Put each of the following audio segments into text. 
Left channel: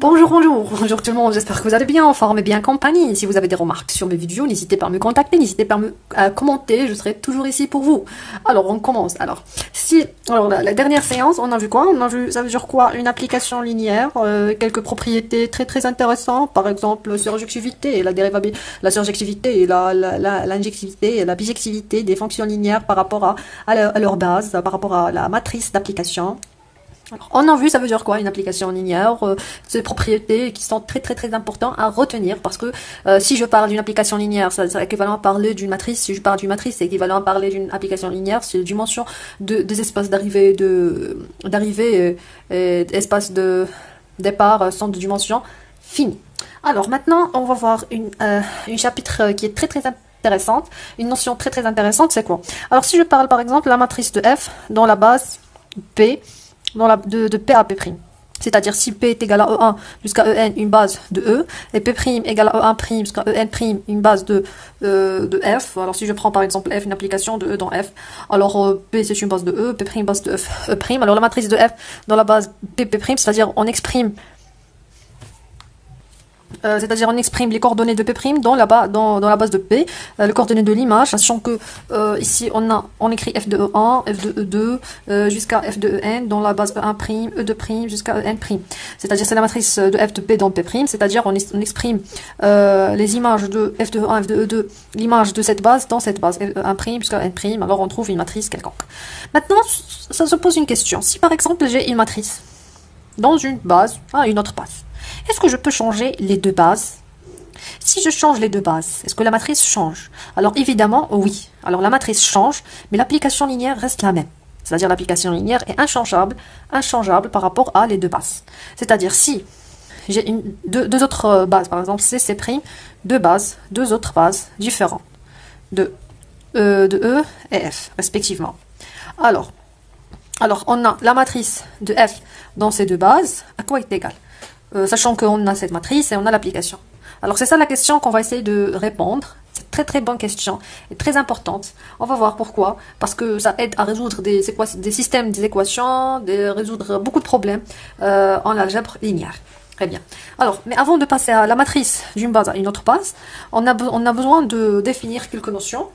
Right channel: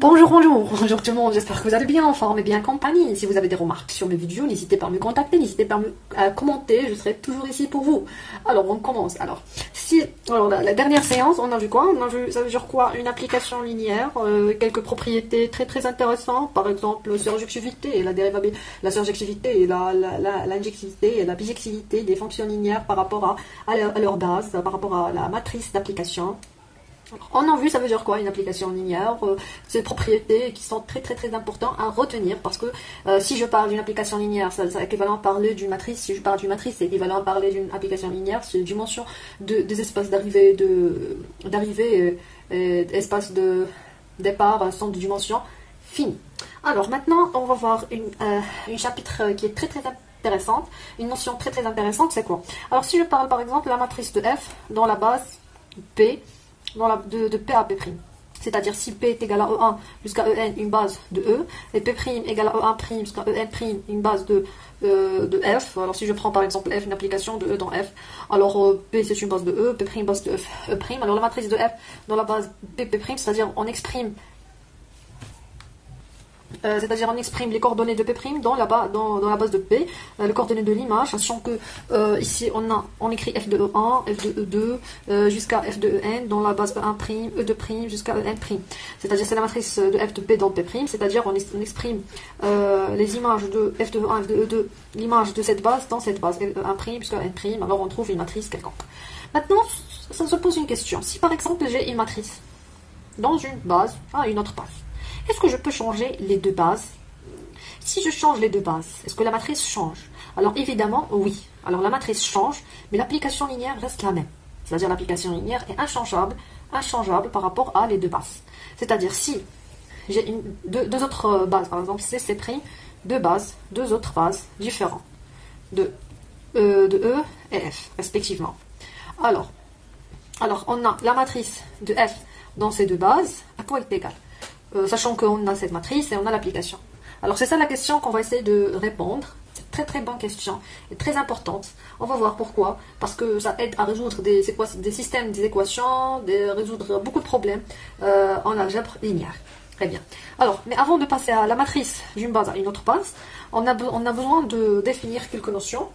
Bonjour tout le monde, j'espère que vous allez bien, en forme et bien en compagnie. Si vous avez des remarques sur mes vidéos, n'hésitez pas à me contacter, n'hésitez pas à commenter, je serai toujours ici pour vous. Alors, on commence. Alors, la dernière séance, on a vu quoi? On a vu, ça veut dire quoi? Une application linéaire, quelques propriétés très intéressantes, par exemple, la surjectivité et la dérivabilité, la surjectivité et l'injectivité et la bijectivité des fonctions linéaires par rapport à leur base, par rapport à la matrice d'application. Alors, on a vu, ça veut dire quoi, une application linéaire, ces propriétés qui sont très importantes à retenir, parce que si je parle d'une application linéaire, c'est équivalent à parler d'une matrice. Si je parle d'une matrice, c'est équivalent à parler d'une application linéaire. C'est la dimension des espaces d'arrivée, espaces de départ sont de dimension finie. Alors maintenant, on va voir une chapitre qui est très intéressante, une notion très intéressante, c'est quoi? Alors si je parle par exemple de la matrice de F dans la base P, de P à P'. C'est-à-dire si P est égal à E1 jusqu'à En, une base de E, et P' égale à E1' jusqu'à En', une base de F. Alors si je prends par exemple F, une application de E dans F, alors P c'est une base de E, P' base de E'. Alors la matrice de F dans la base P', c'est-à-dire on exprime les coordonnées de P' dans la base de P, les coordonnées de l'image, sachant que ici on écrit F de E1, F de E2 jusqu'à F de En dans la base E1', E2' jusqu'à En'. C'est-à-dire c'est la matrice de F de P dans P', c'est-à-dire on exprime les images de F de E1, F de E2, l'image de cette base dans cette base, E1' jusqu'à N', alors on trouve une matrice quelconque. Maintenant, ça se pose une question. Si par exemple j'ai une matrice dans une base à une autre base, est-ce que je peux changer les deux bases? Si je change les deux bases, est-ce que la matrice change? Alors évidemment, oui. Alors la matrice change, mais l'application linéaire reste la même. C'est-à-dire l'application linéaire est inchangeable par rapport à les deux bases. C'est-à-dire si j'ai deux autres bases, par exemple C, C', deux autres bases différentes de E et F, respectivement. Alors on a la matrice de F dans ces deux bases, à quoi est égale? Sachant qu'on a cette matrice et on a l'application. Alors c'est ça la question qu'on va essayer de répondre. C'est très bonne question et très importante. On va voir pourquoi. Parce que ça aide à résoudre des systèmes, des équations, résoudre beaucoup de problèmes en algèbre linéaire. Très bien. Alors, mais avant de passer à la matrice d'une base à une autre base, on a besoin de définir quelques notions.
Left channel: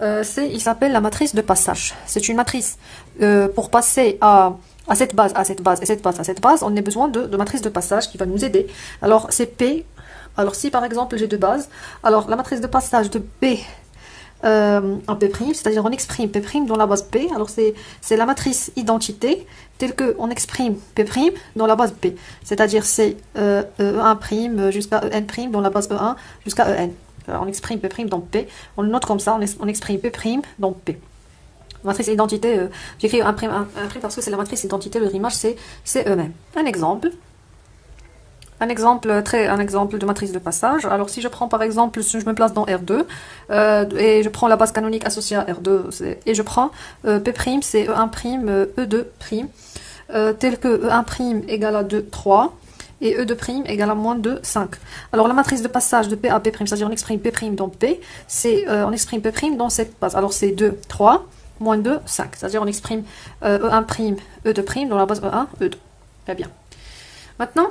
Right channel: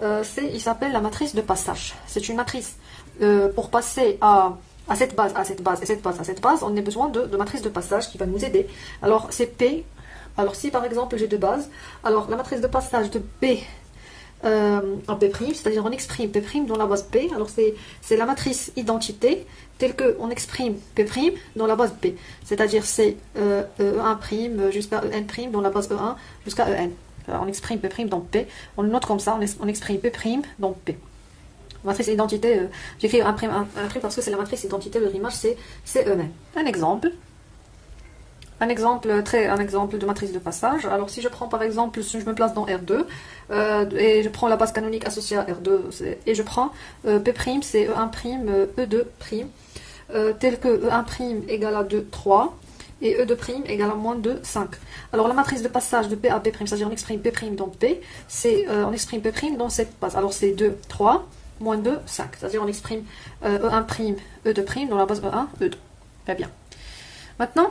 Il s'appelle la matrice de passage. C'est une matrice pour passer à cette base, à cette base, et cette base, à cette base, on a besoin de matrice de passage qui va nous aider. Alors, c'est P. Alors, si par exemple j'ai deux bases, alors la matrice de passage de P en P', c'est-à-dire on exprime P' dans la base P. Alors, c'est la matrice identité telle qu'on exprime P' dans la base P. C'est-à-dire c'est E1' jusqu'à En' dans la base E1 jusqu'à En. Alors, on exprime P' dans P. On le note comme ça, on exprime P' dans P. Matrice identité, j'écris un prime parce que c'est la matrice identité, le rimage c'est eux-mêmes. Un exemple de matrice de passage. Alors si je prends par exemple, si je me place dans R2 et je prends la base canonique associée à R2 et je prends P', c'est E1', E2', tel que E1' égale à 2, 3 et E2' égale à moins 2, 5. Alors la matrice de passage de P à P', c'est-à-dire on exprime P' dans P, on exprime P' dans cette base. Alors c'est 2, 3, moins 2, 5. C'est-à-dire on exprime E1', E2' dans la base E1, E2. Très bien. Maintenant,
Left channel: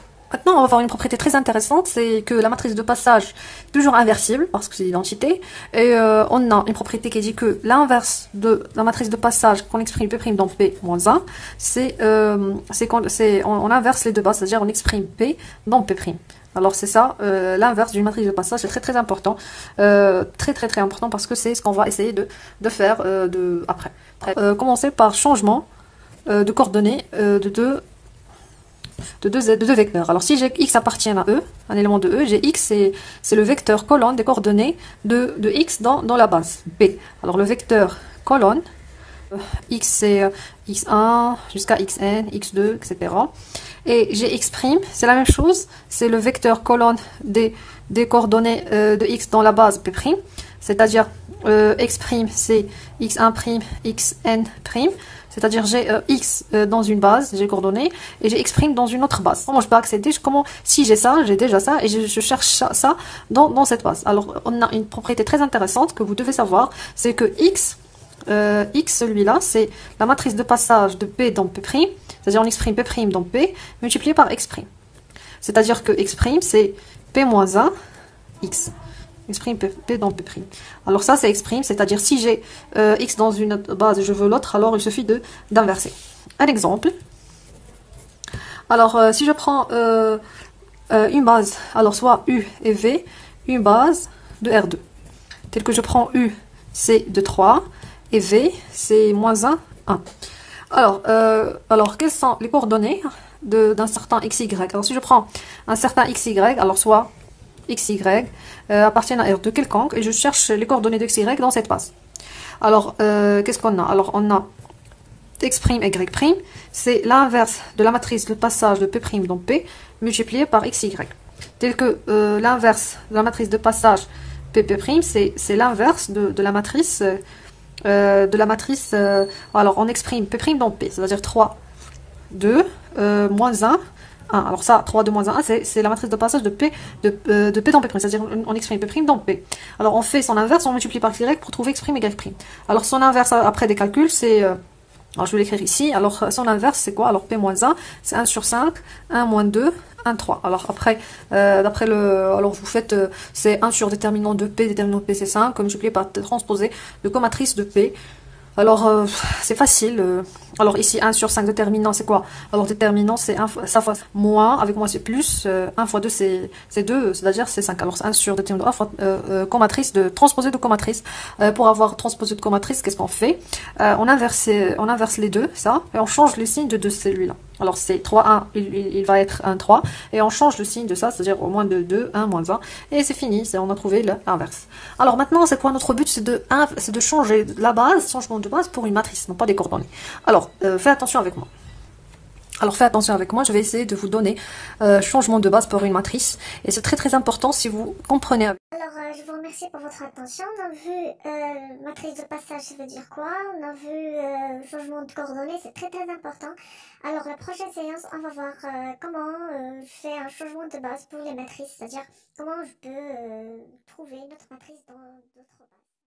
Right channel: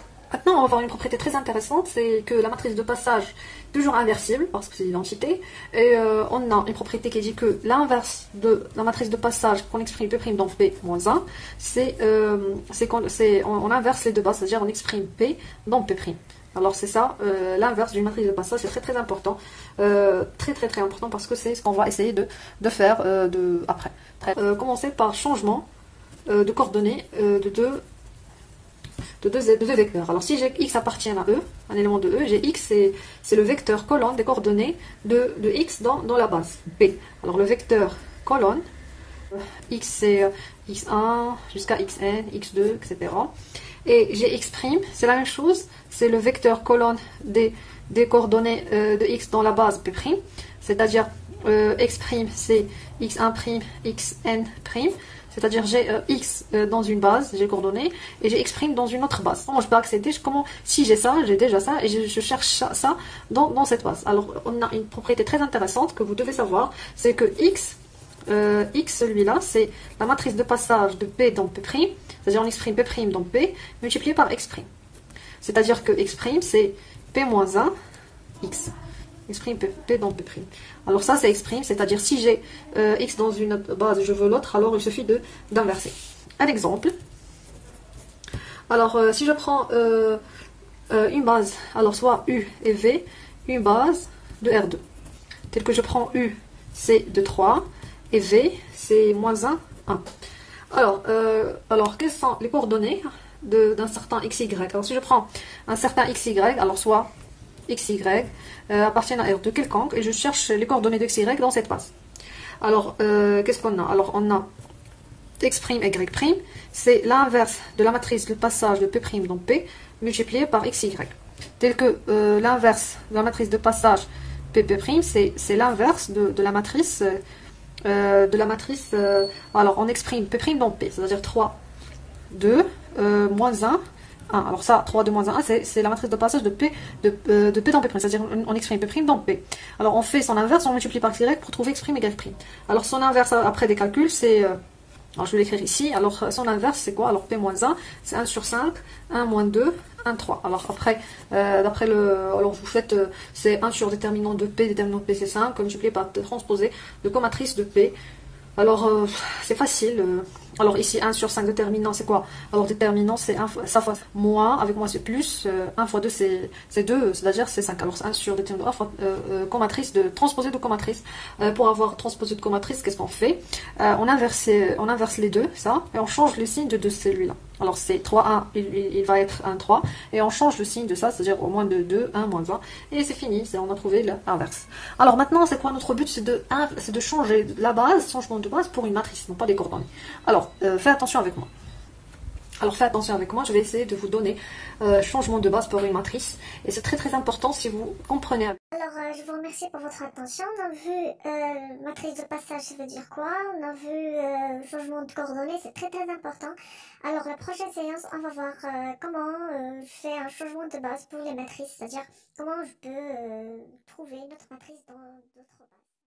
on va voir une propriété très intéressante, c'est que la matrice de passage est toujours inversible, parce que c'est l'identité, et on a une propriété qui dit que l'inverse de la matrice de passage qu'on exprime P' dans P moins 1, on inverse les deux bases, c'est-à-dire on exprime P dans P'. Alors c'est ça, l'inverse d'une matrice de passage, c'est très important, très important, parce que c'est ce qu'on va essayer de faire après. Commencer par changement de coordonnées de deux vecteurs. Alors si j'ai x appartient à E, un élément de E, j'ai x, c'est le vecteur colonne des coordonnées de x dans la base B. Alors le vecteur colonne, x c'est x1 jusqu'à xn, x2, etc. Et gx', c'est la même chose, c'est le vecteur colonne des coordonnées de x dans la base P', c'est-à-dire x' c'est x1', xn', c'est-à-dire j'ai x dans une base, j'ai coordonnées, et j'ai x' dans une autre base. Comment je peux accéder? Si j'ai ça, j'ai déjà ça, et je cherche ça dans cette base. Alors, on a une propriété très intéressante que vous devez savoir, c'est que x, celui-là, c'est la matrice de passage de P dans P', c'est-à-dire on exprime P' dans P, multiplié par x'. C'est-à-dire que x', c'est p moins 1, x. X' P dans P'. Alors ça, c'est x', c'est-à-dire si j'ai x dans une base et je veux l'autre, alors il suffit d'inverser. Un exemple. Alors, si je prends une base, alors soit U et V, une base de R2. Tel que je prends U, c'est de 3, et V, c'est moins 1, 1. Alors, quelles sont les coordonnées d'un certain XY? Alors, si je prends un certain XY, alors soit XY appartiennent à R2 quelconque, et je cherche les coordonnées de XY dans cette base. Alors, qu'est-ce qu'on a? Alors, on a x', y', c'est l'inverse de la matrice de passage de P' dans P, multiplié par xy. Tel que l'inverse de la matrice de passage P', c'est l'inverse de la matrice, alors on exprime P' dans P, c'est-à-dire 3, 2, moins 1, 1. Alors ça, 3, 2, moins 1, c'est la matrice de passage de P dans P', c'est-à-dire on exprime P' dans P. Alors on fait son inverse, on multiplie par Y pour trouver x', y'. Alors son inverse après des calculs, c'est... alors, je vais l'écrire ici. Alors, son inverse, c'est quoi? Alors, P-1, c'est 1 sur 5, 1 moins 2, 1, 3. Alors, après, d'après alors, vous faites, c'est 1 sur déterminant de P, déterminant de P, c'est 5, multiplié par transposé de comatrice de P. Alors, c'est facile. Alors, ici, 1 sur 5 déterminant, c'est quoi? Alors, déterminant, c'est 1 fois, ça fois moins, avec moi, c'est plus, 1 fois 2, c'est 2, c'est-à-dire c'est 5. Alors, 1 sur déterminant, 1 fois comatrice de transposé de comatrice. Pour avoir transposé de comatrice, qu'est-ce qu'on fait? On inverse les deux, ça, et on change le signe de celui-là. Alors, c'est 3, 1, il va être 1, 3, et on change le signe de ça, c'est-à-dire au moins de 2, 1, moins 1, et c'est fini, on a trouvé l'inverse. Alors, maintenant, c'est quoi notre but? C'est de changer la base, changement de base pour une matrice, non pas des coordonnées. Alors, faites attention avec moi. Alors, faites attention avec moi, je vais essayer de vous donner changement de base pour une matrice, et c'est très très important si vous comprenez. Alors, je vous remercie pour votre attention. On a vu matrice de passage, ça veut dire quoi? On a vu changement de coordonnées, c'est très très important. Alors, la prochaine séance, on va voir comment je fais un changement de base pour les matrices, c'est-à-dire comment je peux trouver une autre matrice dans d'autres bases.